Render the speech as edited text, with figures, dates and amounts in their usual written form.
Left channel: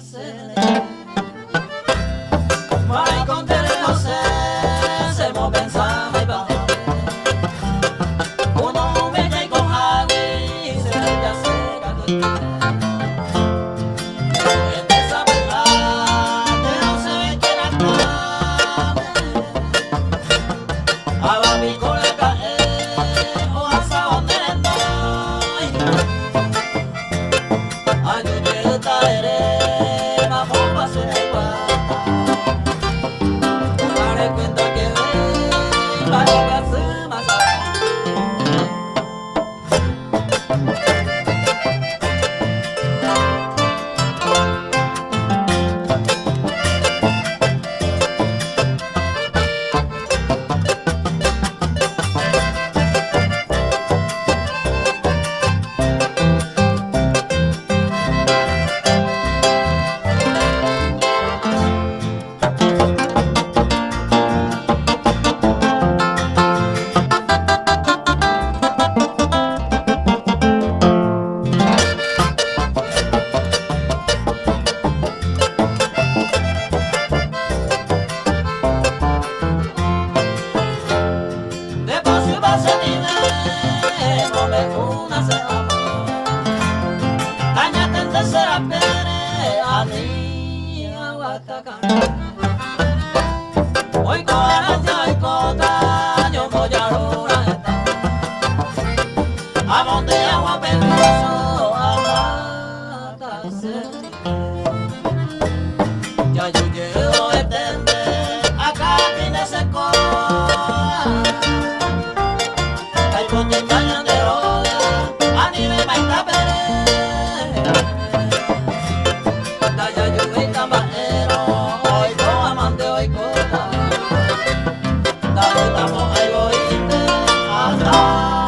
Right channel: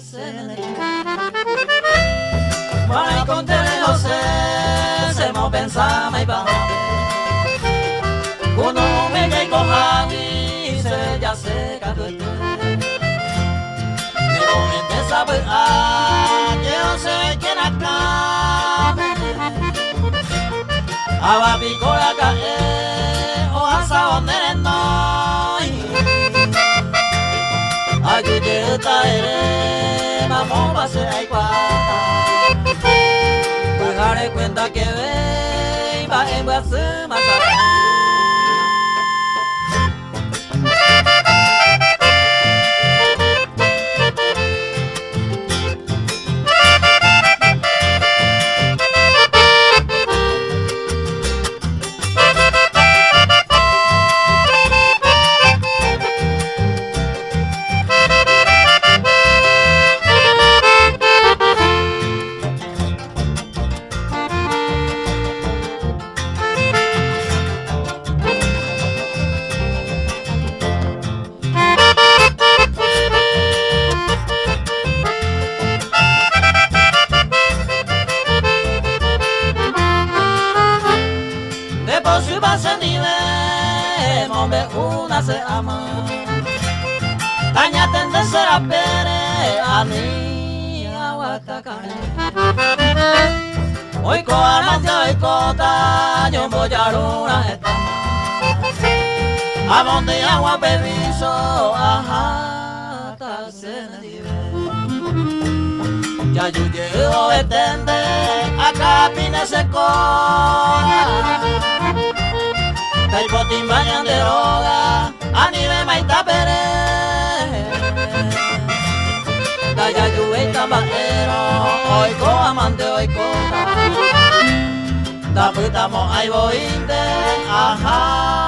sene mai con tere no se mo pensama y va uno me llai con agui se ya se cadu en esa vuelta yo se que la cama aba mi cola cae o asa donde no ayuda ere vamos a hacer igual daré cuenta que ve vale a su masa Depois você me lê, mombe una se amor. Aña tende será pere, ani awataka. Hoy ko amante, hoy ko taño moyaruna eta. Amonte agua permiso, ajata se ya yo llego etende, acá pine se cola. Kay potin bañan de droga, anime maita pere. Kaya yuwe tabaero, hoy ko amante, hoy ko ta. Taputamo ay boite, ajá.